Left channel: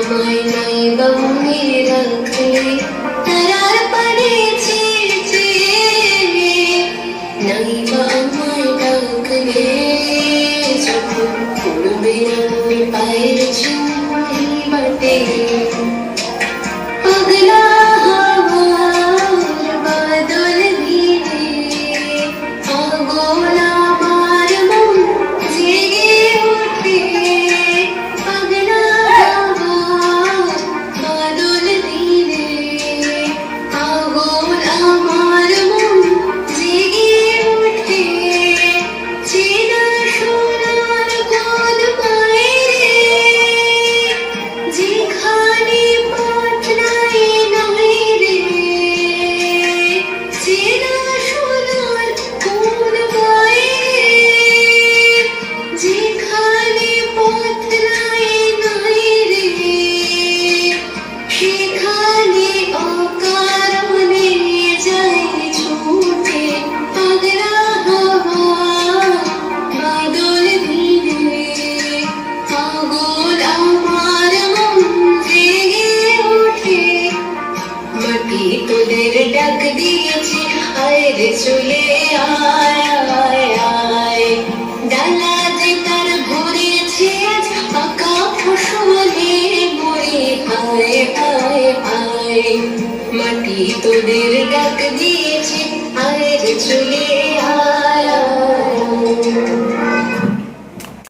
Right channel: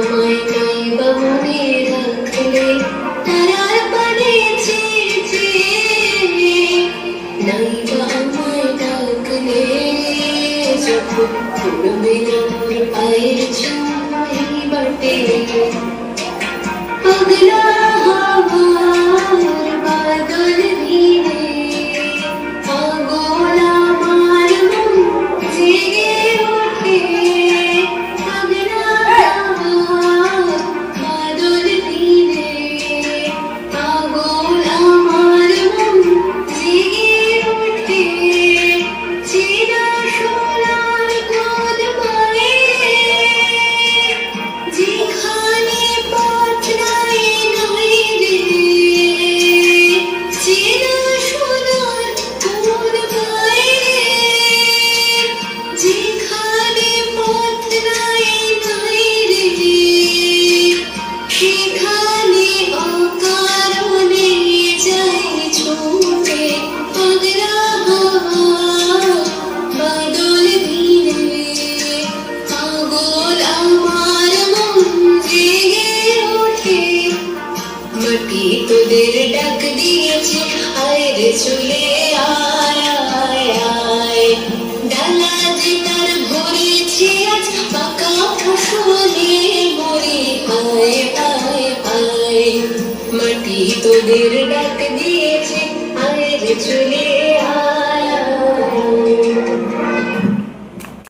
আমায় নাই বা মনে রাখলে তারার পানে চেয়েছে নাই বা আমায় ডাকলে যখন পড়বে না মোর পায়ের চুল বাটে পাগলা হাওয়ার বাদল ভিড়ে পাগল আমার মন জেগে ওঠে পাগলা হাওয়ার বাদল ভিড়ে পাগল আমার মন জেগে ওঠে চেনা সোনার ঘর বাইরে যেখানে পথ নাই নাই রে চেনা সোনার ঘর বাইরে যেখানে পথ নাই নাই রে সেখানে অকারণে যাই ছুটে পাগলা হাওয়া বাদল ভিড়ে পাগল আমার মন জেগে ওঠে মাটি তোদের ডাক দিয়েছে আয় রে চলে আয় আয় আয় ডালা যে তার ভরেছে আজ পাকা ফসলে মরে আয় আয় আয় মাটি তোদের ডাক দিয়ে